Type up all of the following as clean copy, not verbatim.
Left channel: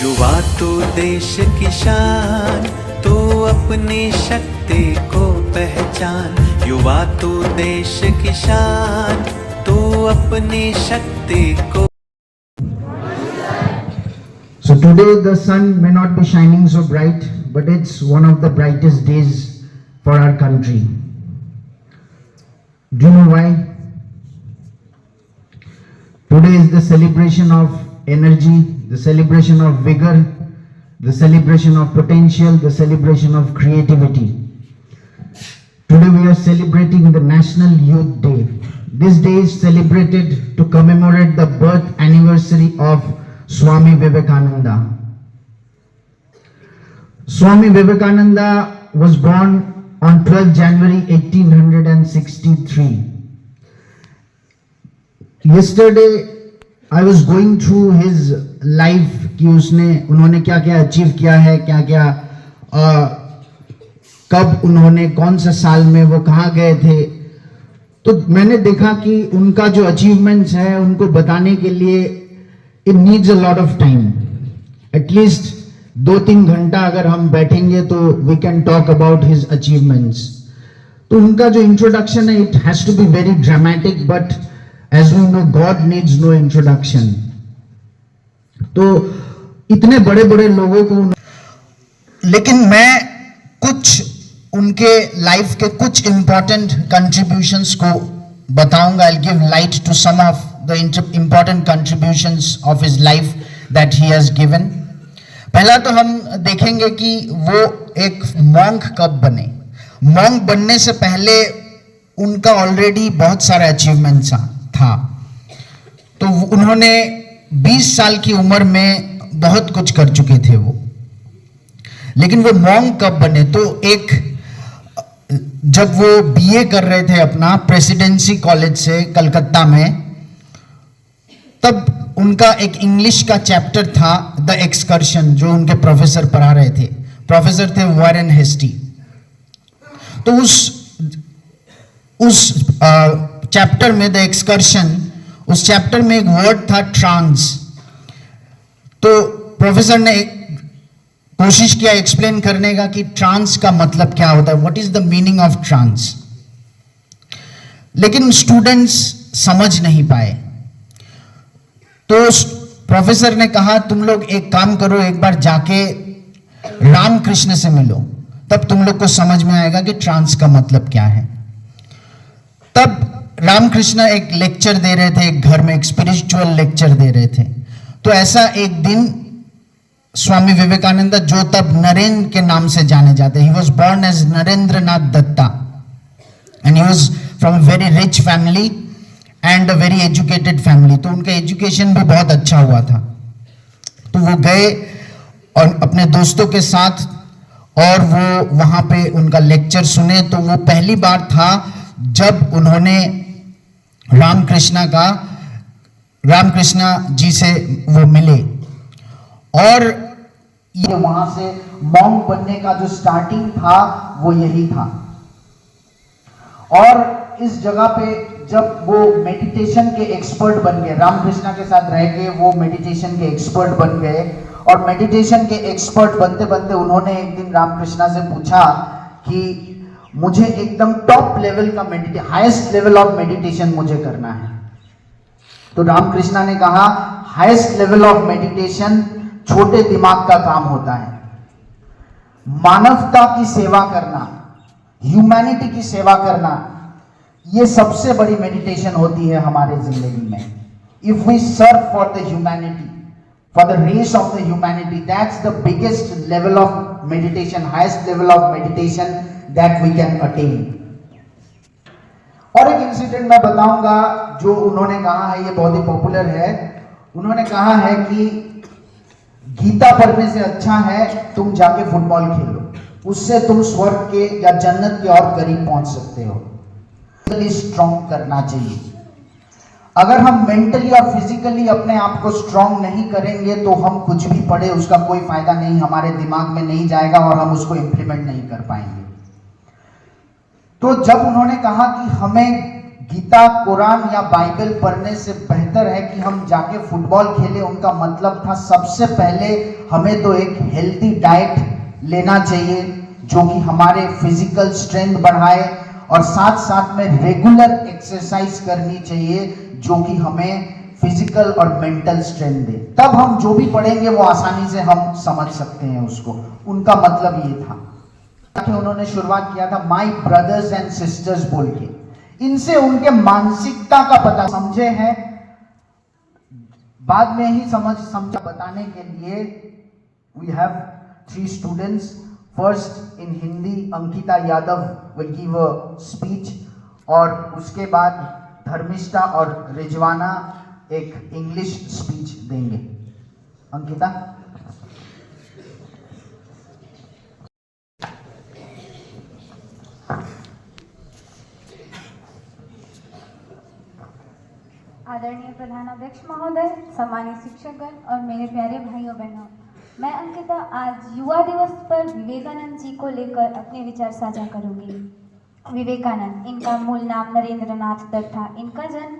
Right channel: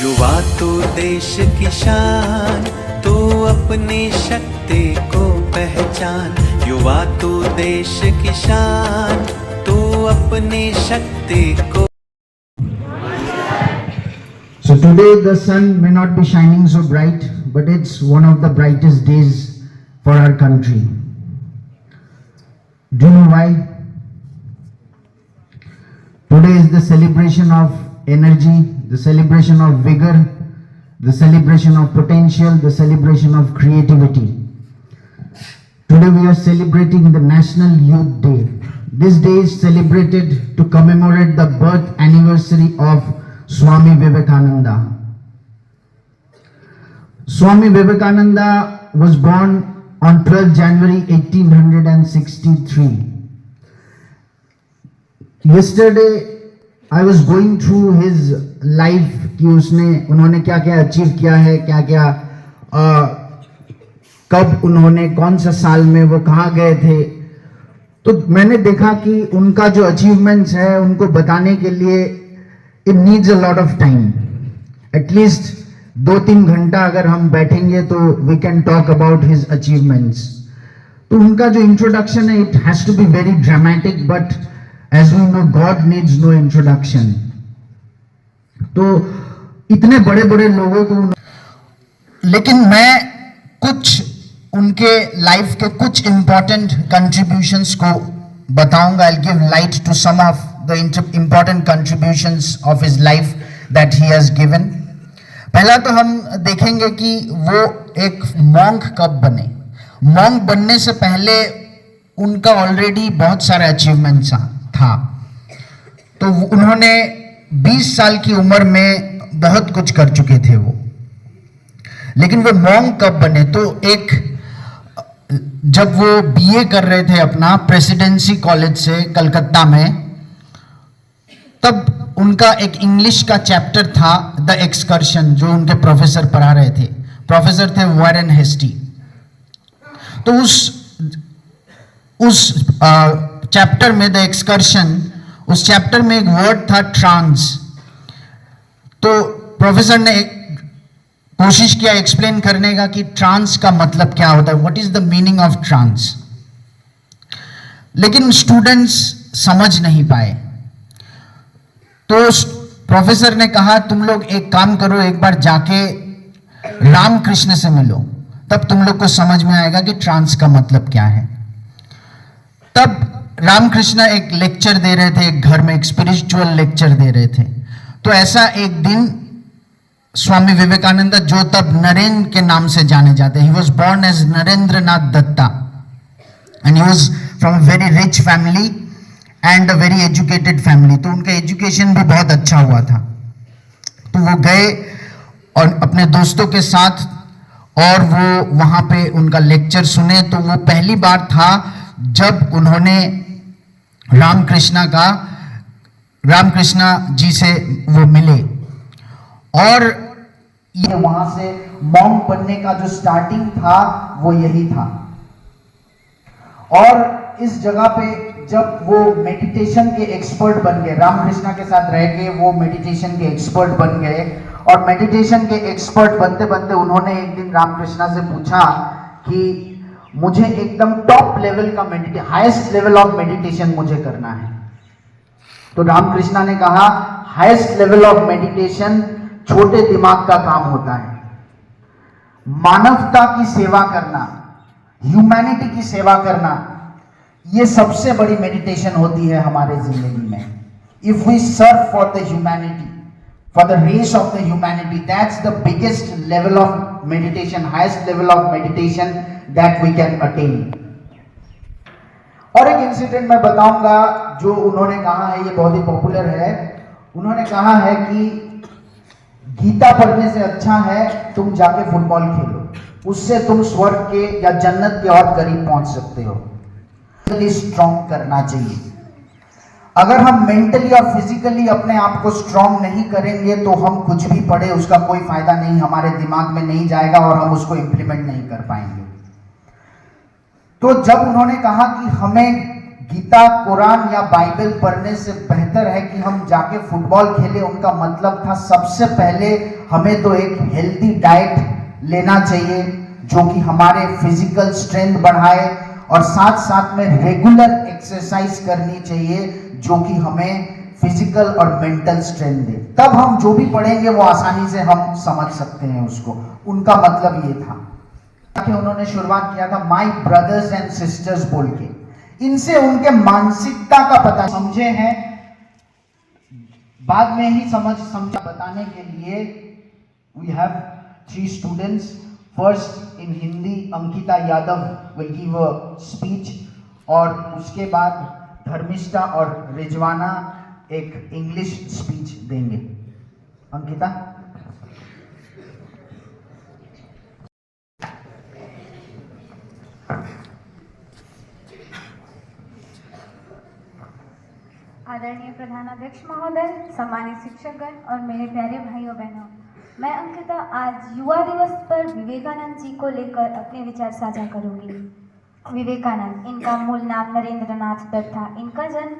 युवा तू देश की शान, तू अपनी शक्ति को पहचान। युवा तू देश की शान, तू अपनी शक्ति को। So today the sun may not be shining so bright, but it's one of the brightest days for our country. Do you know why? Today is the celebration of energy, the celebration of vigor, the celebration of potential, the celebration of creativity. Today we are celebrating the National Youth Day. This day is celebrated to commemorate the birth anniversary of Swami Vivekananda. Swami Vivekananda was born on 12 January 1863. Yesterday I was going through his life कि उन्होंने क्या क्या achieve किया है, क्या क्या कब उन्होंने कौन सा साल में वो कहाँ गए थे। तो मैंने देखा कि उनका जो अचीवमेंट्स है उनको बताने के लिए it needs a lot of time. At least 2-3 घंटा अगर हम बैठेंगे तो we can talk about his achievements. तो उनका जो इंट्रोडक्शन है it has to be very dramatic, but as we know God needs no introduction. तो इतने बड़े बड़े लोगों को, लेकिन मैं कुछ उनके लाइफ के कुछ इंपॉर्टेंट कंट्रीब्यूशंस को बताऊंगा। I will give light to some of the important contributions of his life that he has given. पहला तो हम देखेंगे कि वो एक मॉन्क कब बने। मॉन्क बनने से पहले उनका ऑलरेडी बहुत सारे अचीवमेंट्स था। तो उन्होंने 20 साल की उम्र में बहुत कुछ कर चुके थे वो। लेकिन वो मॉन्क कब बने, तो एक जब वो बीए कर रहे थे अपना प्रेसिडेंसी कॉलेज से कलकत्ता में, तब उनका एक इंग्लिश का चैप्टर था द एक्सकर्शन, जो उनके प्रोफेसर पढ़ा रहे थे। प्रोफेसर थे वॉरेन हेस्टी। तो उस चैप्टर में द एक्सकर्शन, उस चैप्टर में एक वर्ड था ट्रांस। तो प्रोफेसर ने कोशिश किया एक्सप्लेन करने का कि ट्रांस का मतलब क्या होता है, what is the meaning of trans. लेकिन स्टूडेंट्स समझ नहीं पाए। तो प्रोफेसर ने कहा तुम लोग एक काम करो, एक बार जाके रामकृष्ण से मिलो, तब तुम लोग को समझ में आएगा कि ट्रांस का मतलब क्या है। तब रामकृष्ण एक लेक्चर दे रहे थे, एक घर में एक स्पिरिचुअल लेक्चर दे रहे थे। तो ऐसा एक दिन स्वामी विवेकानंद, जो तब नरेंद्र के नाम से जाने जाते, he was born as Narendranath Datta and he was from a very rich family and a very educated family. तो उनका एजुकेशन भी बहुत अच्छा हुआ था। तो वो गए और अपने दोस्तों के साथ, और वो वहां पे उनका लेक्चर सुने। तो वो पहली बार था जब उन्होंने रामकृष्ण जी से वो मिले, और ये वहां से मॉन्क बनने का जो स्टार्टिंग था वो यही था। और इस जगह पे जब वो मेडिटेशन के एक्सपर्ट बन गए, रामकृष्ण के साथ रह के वो मेडिटेशन के एक्सपर्ट बन गए। और मेडिटेशन के एक्सपर्ट बनते बनते उन्होंने एक दिन रामकृष्ण से पूछा कि मुझे एकदम टॉप लेवल का हाईएस्ट लेवल ऑफ मेडिटेशन मुझे करना है। तो रामकृष्ण ने कहा हाईएस्ट लेवल ऑफ मेडिटेशन छोटे दिमाग का काम होता है। मानवता की सेवा करना, ह्यूमैनिटी की सेवा करना, ये सबसे बड़ी मेडिटेशन होती है हमारे जिंदगी में। If we serve for the humanity, for the race of the humanity, that's the biggest level of meditation, highest level of meditation that we can attain. और एक इंसिडेंट मैं बताऊंगा जो उन्होंने कहा है, ये बहुत ही पॉपुलर है। उन्होंने कहा है कि गीता पढ़ने से अच्छा है तुम जाके फुटबॉल खेलो, उससे तुम स्वर्ग के या जन्नत के और करीब पहुंच सकते हो। स्ट्रॉन्ग करना चाहिए। अगर हम मेंटली और फिजिकली अपने आप को स्ट्रॉन्ग नहीं करेंगे तो हम कुछ भी पढ़े उसका कोई फायदा नहीं, हमारे दिमाग में नहीं जाएगा और हम उसको इंप्लीमेंट नहीं कर पाएंगे। तो जब उन्होंने कहा कि हमें गीता, कुरान या बाइबल पढ़ने से बेहतर है कि हम जाके फुटबॉल खेलें। उनका मतलब था सबसे पहले हमें तो एक हेल्दी डाइट लेना चाहिए जो कि हमारे फिजिकल स्ट्रेंथ बढ़ाए, और साथ साथ में रेगुलर एक्सरसाइज करनी चाहिए जो कि हमें फिजिकल और मेंटल स्ट्रेंथ दे। तब हम जो भी पढ़ेंगे वो आसानी से हम समझ सकते हैं उसको। उनका मतलब ये था कि उन्होंने शुरुआत किया था माय ब्रदर्स एंड सिस्टर्स बोल के। इनसे उनके मानसिकता का पता समझे हैं, बाद में ही समझा बताने के लिए we have 3 students. First in Hindi Ankita Yadav will give a speech, और उसके बाद धर्मिष्ठा और रिजवाना एक इंग्लिश स्पीच देंगे। अंकिता। आदरणीय प्रधानाध्यक्ष महोदय, सम्मानित शिक्षकगण और मेरे प्यारे भाइयों बहनों, मैं अंकिता आज युवा दिवस पर विवेकानंद जी को लेकर अपने विचार साझा करूंगी। विवेकानंद, इनका मूल नाम नरेंद्र नाथ दत्त था। इनका जन्म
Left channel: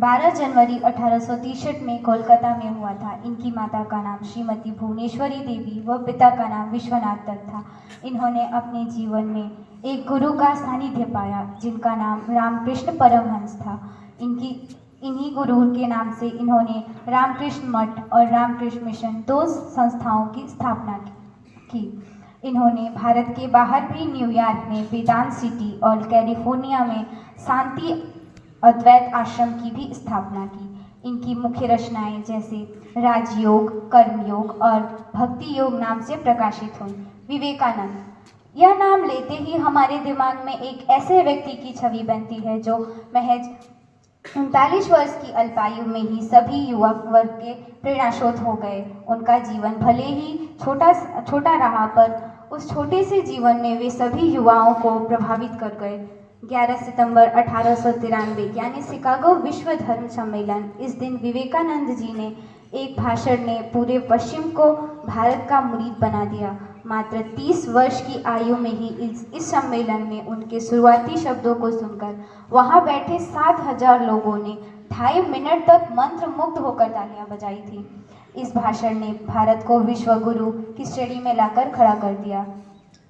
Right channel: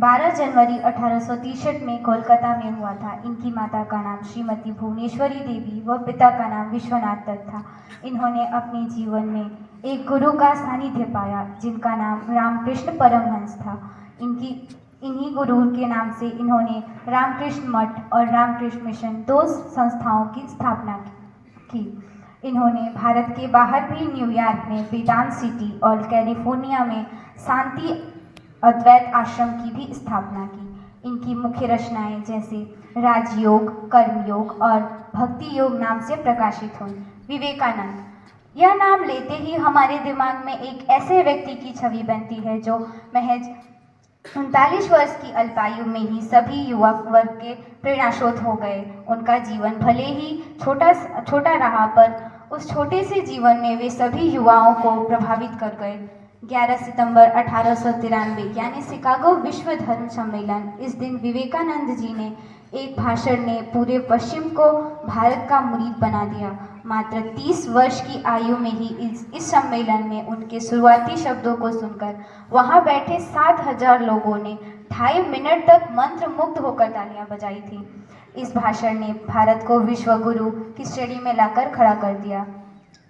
12 जनवरी 1863 में कोलकाता में हुआ था। इनकी माता का नाम श्रीमती भुवनेश्वरी देवी व पिता का नाम विश्वनाथ दत्त था। इन्होंने अपने जीवन में एक गुरु का सानिध्य पाया जिनका नाम रामकृष्ण परमहंस था। इन्हीं गुरु के नाम से इन्होंने रामकृष्ण मठ और रामकृष्ण मिशन 2 संस्थाओं की स्थापना की। इन्होंने भारत के बाहर भी न्यूयॉर्क में वेदांत सिटी और कैलिफोर्निया में शांति अद्वैत आश्रम की भी स्थापना की। इनकी मुख्य रचनाएं जैसे राजयोग, कर्मयोग और भक्ति योग नाम से प्रकाशित हुई। विवेकानंद, यह नाम लेते ही हमारे दिमाग में एक ऐसे व्यक्ति की छवि बनती है जो महज 39 वर्ष की अल्पायु में ही सभी युवा वर्ग के प्रेरणास्रोत हो गए। उनका जीवन भले ही छोटा रहा, पर उस छोटे से जीवन ने वे सभी युवाओं को प्रभावित कर गए। 11 सितंबर 1893 यानी शिकागो विश्व धर्म सम्मेलन, इस दिन विवेकानंद जी ने एक भाषण ने पूरे पश्चिम को भारत का मुरीद बना दिया। मात्र 30 वर्ष की आयु में ही इस सम्मेलन में उनके शुरुआती शब्दों को सुनकर वहां बैठे 7,000 लोगों ने 2.5 मिनट तक मंत्र मुग्ध होकर तालियां बजाई थी। इस भाषण ने भारत को विश्व गुरु की श्रेणी में लाकर खड़ा कर दिया।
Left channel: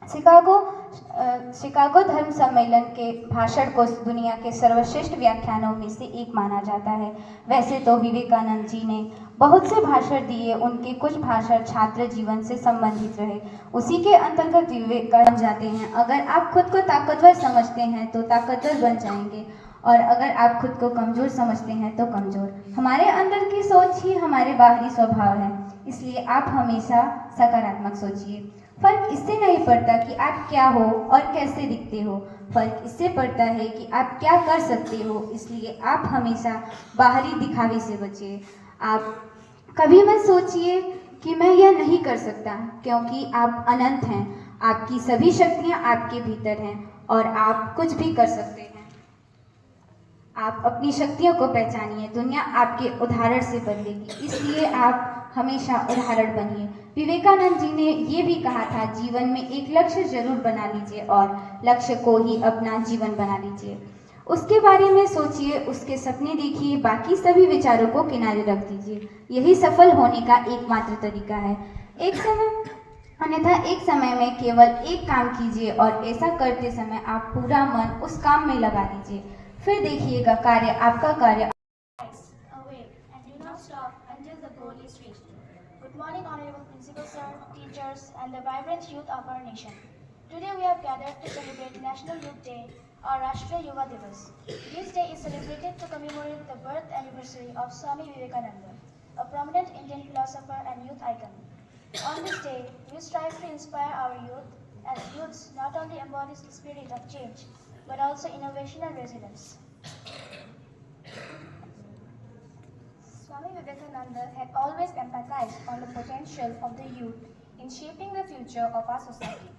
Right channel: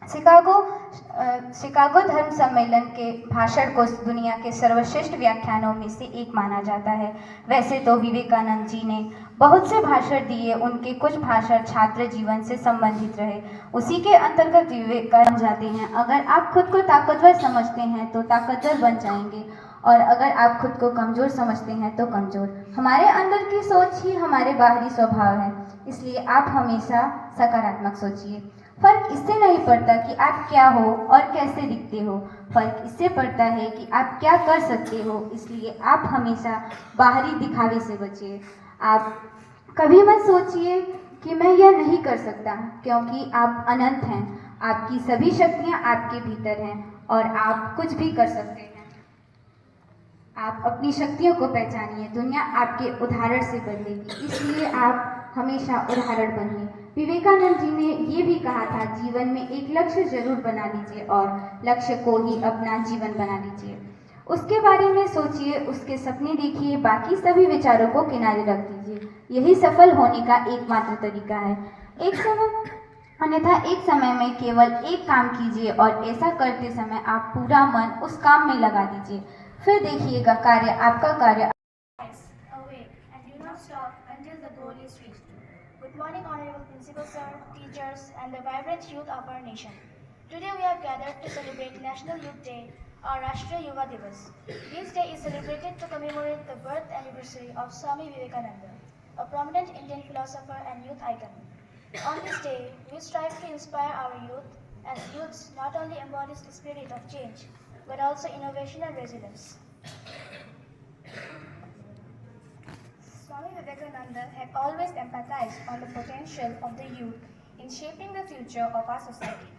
शिकागो धर्म सम्मेलन के भाषण को दुनिया के सर्वश्रेष्ठ व्याख्यानों में से एक माना जाता है। वैसे तो विवेकानंद जी ने बहुत से भाषण दिए, उनके कुछ भाषण छात्र जीवन से संबंधित रहे। उसी के अंतर्गत विवेकानंद जाते हैं, अगर आप खुद को ताकतवर समझते हैं तो ताकतवर बन जाएंगे, और अगर आप खुद को कमजोर समझते हैं तो कमजोर। हमारे अंदर की सोच ही हमारे बाहरी स्वभाव है, इसलिए आप हमेशा सकारात्मक सोचिए। फर्क इससे नहीं पड़ता कि आप क्या हो और कैसे दिखते हो, फर्क इससे पड़ता है कि आप क्या कर सकते हो। इसलिए आप हमेशा बाहरी दिखावे से बचिए। आप कभी मत सोचिए कि मैं यह नहीं कर सकता, क्योंकि आप अनंत हैं। आपकी सभी शक्तियां आपके भीतर हैं और आप कुछ भी कर सकते हैं। आप अपनी शक्तियों को पहचानिए, दुनिया आपके उदाहरण से बदलेगी, इसलिए आप हमेशा उदाहरण बनिए। विवेकानंद जी ने ये भी कहा था, जीवन में एक लक्ष्य जरूर बना लीजिए और लक्ष्य को ही अपना जीवन बना लीजिए। उसके बारे में सोचिए, उसके सपने देखिए, बाकी सभी विचारों को किनारे रख दीजिए। यही सफल होने का एकमात्र तरीका है। अन्यथा एक समय में केवल एक काम कीजिए और ऐसा करते समय आप पूरा मन उस काम में लगा दीजिए, फिर देखिएगा आपका कार्य। Good morning, Honorable Principal Sir, teachers, and the vibrant youth of our nation. Today we have gathered to celebrate National Youth Day, or Rashtriya Yuva Divas. This day is celebrated to commemorate the birth anniversary of Swami Vivekananda, a prominent Indian philosopher and youth icon. On this day, we strive to inspire our youth, as youths not only embodies the spirit of change, but also innovation and resilience. Swami Vivekananda had always empathized on the potential of the youth in shaping the future of our society.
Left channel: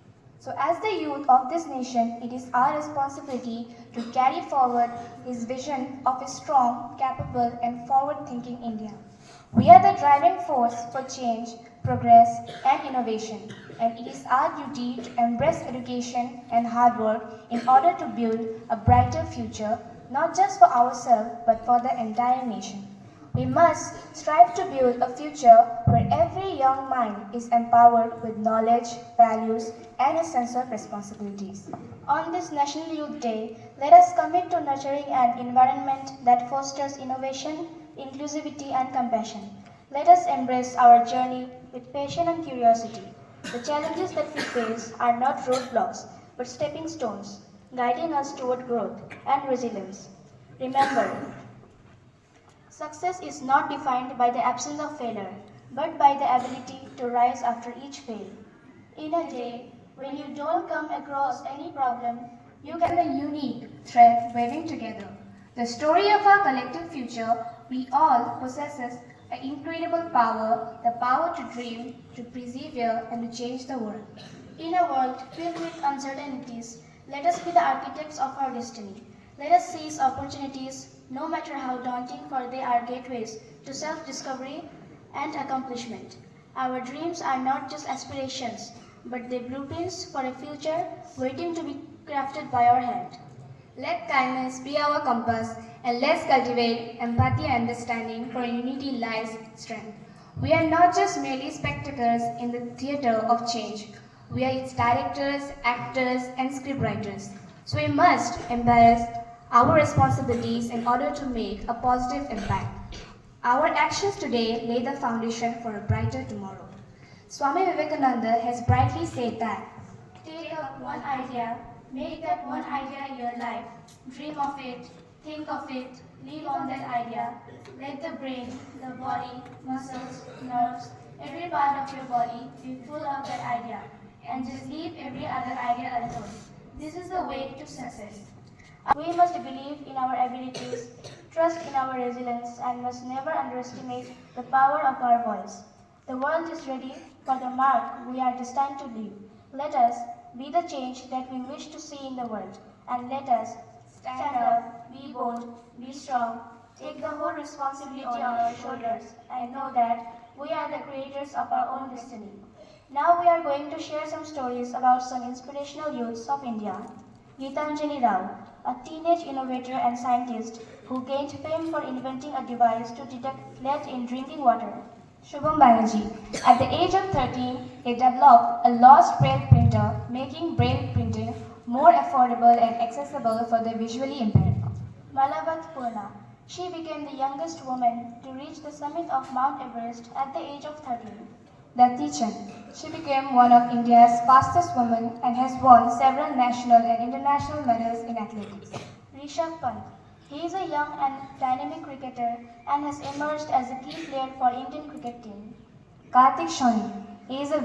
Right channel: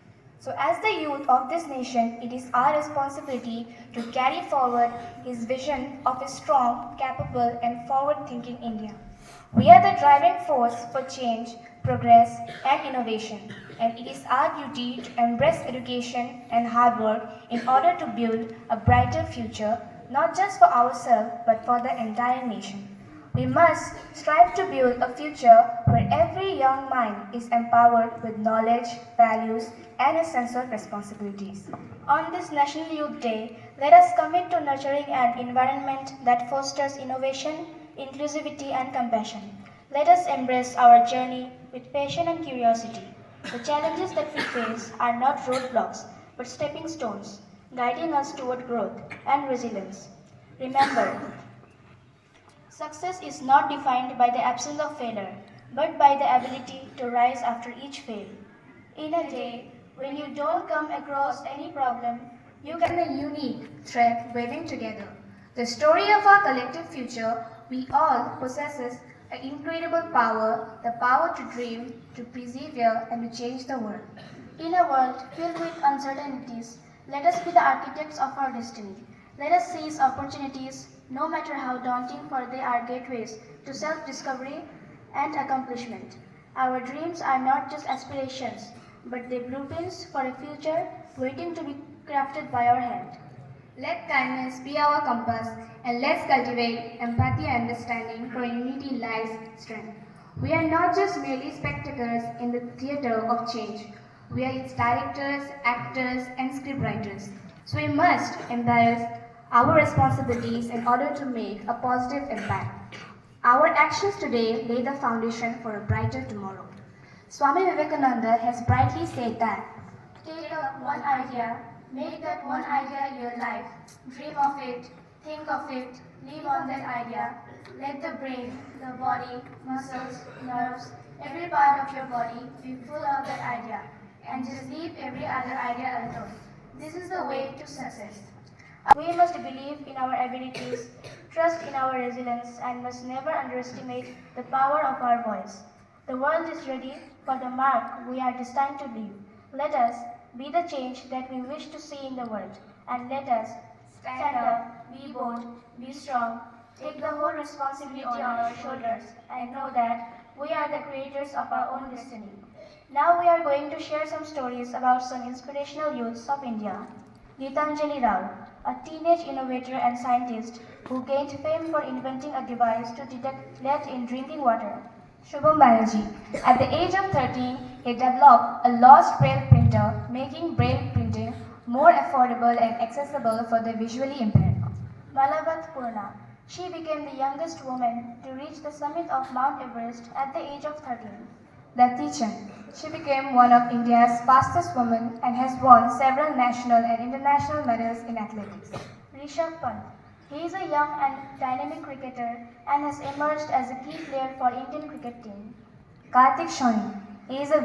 So as the youth of this nation, it is our responsibility to carry forward his vision of a strong, capable and forward-thinking India. We are the driving force for change, progress and innovation, and it is our duty to embrace education and hard work in order to build a brighter future not just for ourselves but for the entire nation. We must strive to build a future where every young mind is empowered with knowledge, values, and a sense of responsibilities. On this National Youth Day, let us commit to nurturing an environment that fosters innovation, inclusivity, and compassion. Let us embrace our journey with passion and curiosity. The challenges that we face are not roadblocks, but stepping stones, guiding us toward growth and resilience. Remember, success is not defined by the absence of failure, but by the ability to rise after each fail. In a day when you don't come across any problem, you can be a unique thread weaving together. The story of our collective future, we all possesses an incredible power, the power to dream, to persevere, and to change the world. In a world filled with uncertainties, let us be the architects of our destiny. Let us seize opportunities, no matter how daunting, for they are gateways to self-discovery and accomplishment. Our dreams are not just aspirations, but the blueprints for a future waiting to be crafted by our hand. Let kindness be our compass, and let's cultivate empathy and understanding, for in unity lies strength. We are not just merely spectators in the theatre of change. We are its directors, actors, and scriptwriters. So we must embrace our responsibilities in order to make a positive impact. Our actions today lay the foundation for a brighter tomorrow. Swami Vivekananda has brightly said that, take up one idea, make that one idea your life, dream of it, think of it, live on that idea. Let the brain, the body, muscles, nerves, every part of your body be full of that idea, and just leave every other idea alone. This is the way to success. We must believe in our abilities, trust in our resilience, and must never underestimate the power of our voice. The world is ready for the mark we are destined to leave. Let us be the change that we wish to see in the world, and let us stand up, be bold, be strong, take the whole responsibility on our shoulders, and know that we are the creators of our own destiny. Now we are going to share some stories about some inspirational youths of India. Geetanjali Rao, a teenage innovator and scientist who gained fame for inventing a device to detect lead in drinking water. Shubham Banerjee, at the age of 13, he developed a lost braille printer, making braille printing more affordable and accessible for the visually impaired. Malavat Purna, she became the youngest woman to reach the summit of Mount Everest at the age of 13. Dati Chand, she became one of India's fastest women and has won several national and international medals in athletics. Rishabh Pant, he is a young and dynamic cricketer and has emerged as a key player for Indian cricket team. Kartik Shoni, he is a